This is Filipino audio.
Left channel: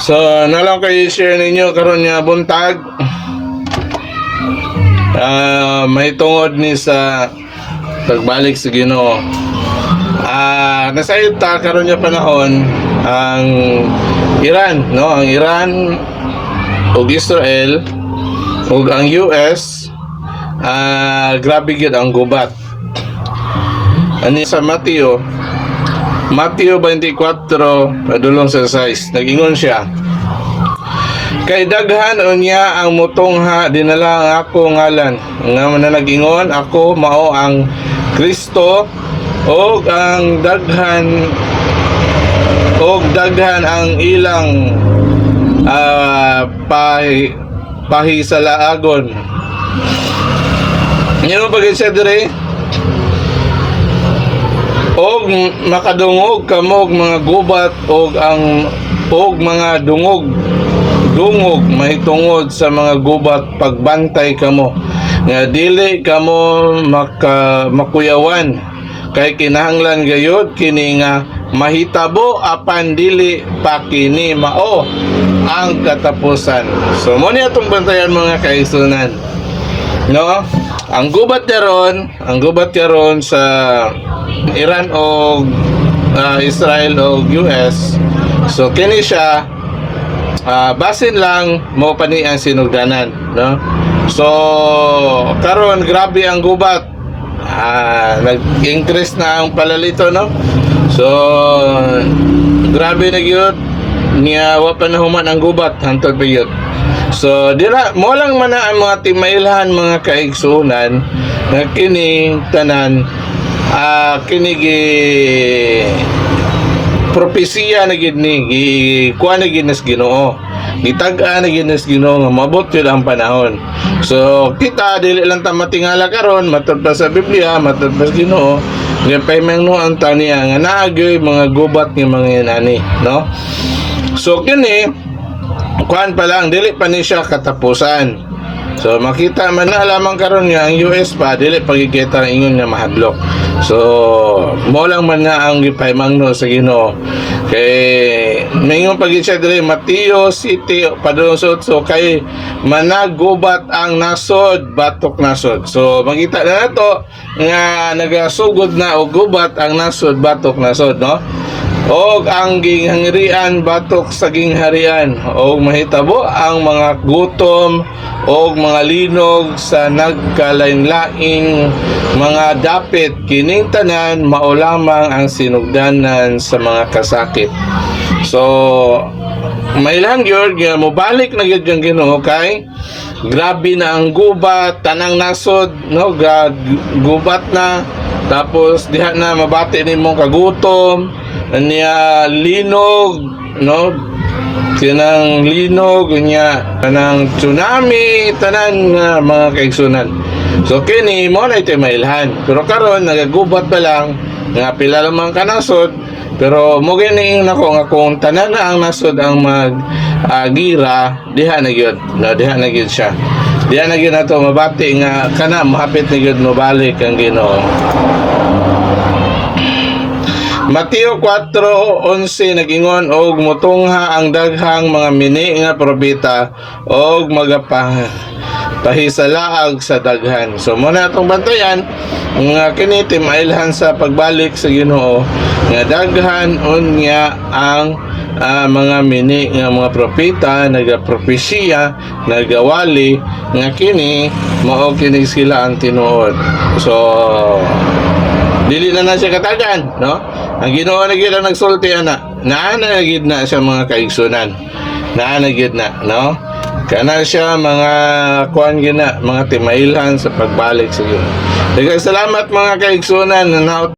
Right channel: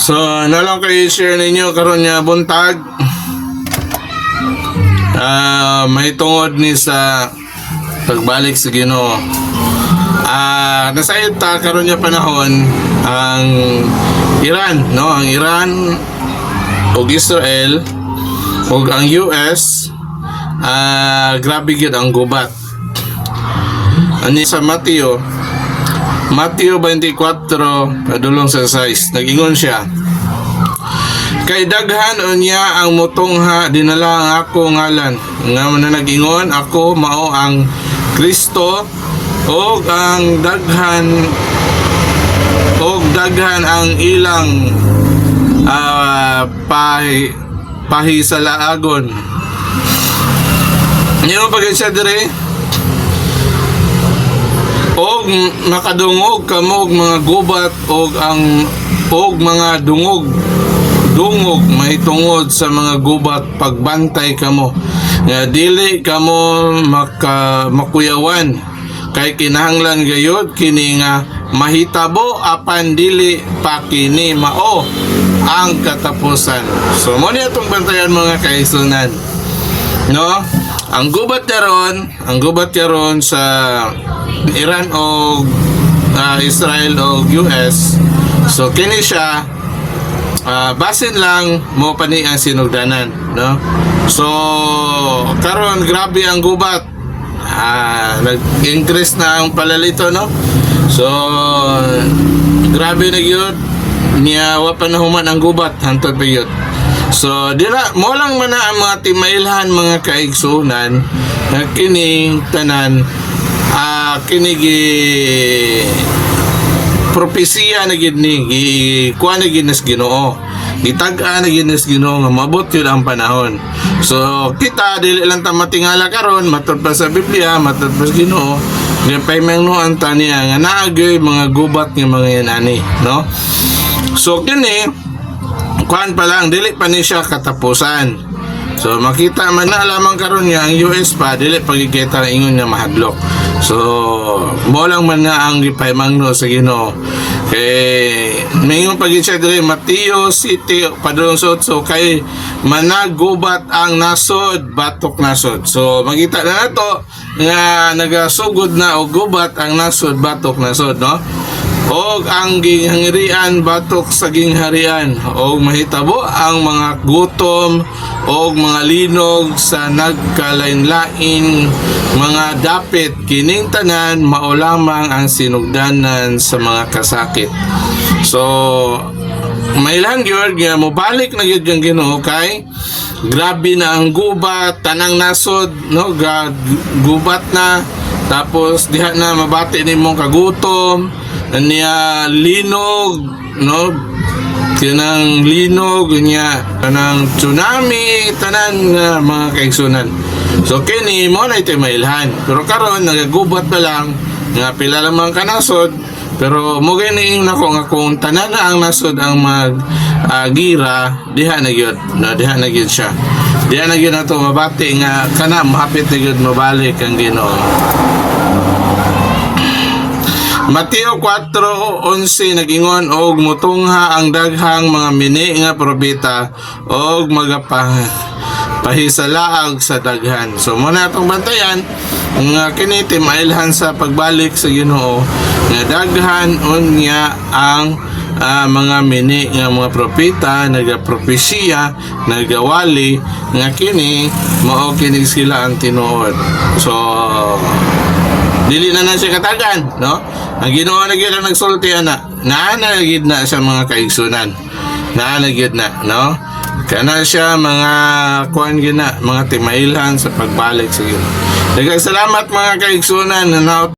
So, nalang kayo share ninyo karon nga buntag. May tungod ni sa pagbalik sa Ginoo. Nasayod ta karon nga panahon ang Iran, no? Ang Iran ug Israel ug ang US grabe gyud ang gubat. Ani sa Mateo 24 padulong sa 6 nag-ingon siya, kay daghan unya ang mutungha dinala ang ako ngalan nga nag-ingon ako mao ang Kristo, og ang daghan ang ilang pahisalaagon. Ngayon pag siya dire, og makadungog kamo og mga gubat og mga dungog mahitungod sa mga gubat, pagbantay kamo nga dili kamo makuyawan, kay kinahanglan gayud kini nga mahitabo apan dili pa kini mao ang katapusan. So mo ni atong bantayan mga kaigsunan, no? Ang gubat karon sa Iran o Israel o US. So kini siya basin lang mo pani ang sinugdanan, no? So karon grabe ang gubat, nag-increase na ang palalito, no? So grabe na gyud niya wa pa nahuman ang gubat hantod pa gyud. So dira mo lang man ang mga timailhan mga kaigsunan nga kini tanan kinigi propesiya na gid ni kuha na gid nas Ginoo, gitag-a na gid nas Ginoo nga mabot yun ang panahon. So kita dili lang ta matingala karon, matud pa sa Biblia, matud pa sa Ginoo nga paymangnuan ta niya nga naagay mga gubat nga mga yan ani, no? So kini kuan pa lang, dili pa ni siya katapusan. So makita man na lamang karon nga ang US pa dili pagkikita ingon nga mahadlok. So mo lang man nga ang gipaymangno sa Ginoo, kay ningon pagin siya dire Mateo City padulong so kay managubat ang nasod batok nasod. So makita na nato nga nagasugod na og gubat ang nasod batok nasod, no? Og ang gingharian batok sa gingharian, og mahitabo ang mga gutom og mga linog sa nagkalain-laing mga dapit, kining tanan mao lamang ang sinugdanan sa mga kasakit. So may lang gyud nga mobalik na gyud ang Ginoo, kay grabe na ang gubat, tanang nasod, no? Gubat na, tapos diha na mabati nimong kagutom niya linog, no? Kinang linog niya tanang tsunami, tanan nga mga kaigsunan. So kini mo na ito mailhan, pero karon nagagubat pa lang nga pila lamang kanasod, pero mo gini nako nga kung tanan na ang nasod ang gira diha na gyud, no? Diha na gyud siya, diha na gyud nato mabati nga kana mahapit na gyud mobalik ang Ginoo. Mateo 4:11 nag-ingon, og mutungha ang daghang mga mini nga propeta og pahisalaag sa daghan. So muna atong bantayan nga kini timailhan sa pagbalik sa Ginoo nga daghan unya ang mga mini nga mga propeta nagapropesiya, nagawali nga kini mao kini sila ang tinuod. So dili na siya katagan, no? Ang Ginoo na gyud ang nagsulti ana. Naana gyud na sa mga kaigsunan. Naana gyud na, no? Kana siya mga kuan gyud na, mga timailhan sa pagbalik sa Ginoo. Daghang salamat mga kaigsunan na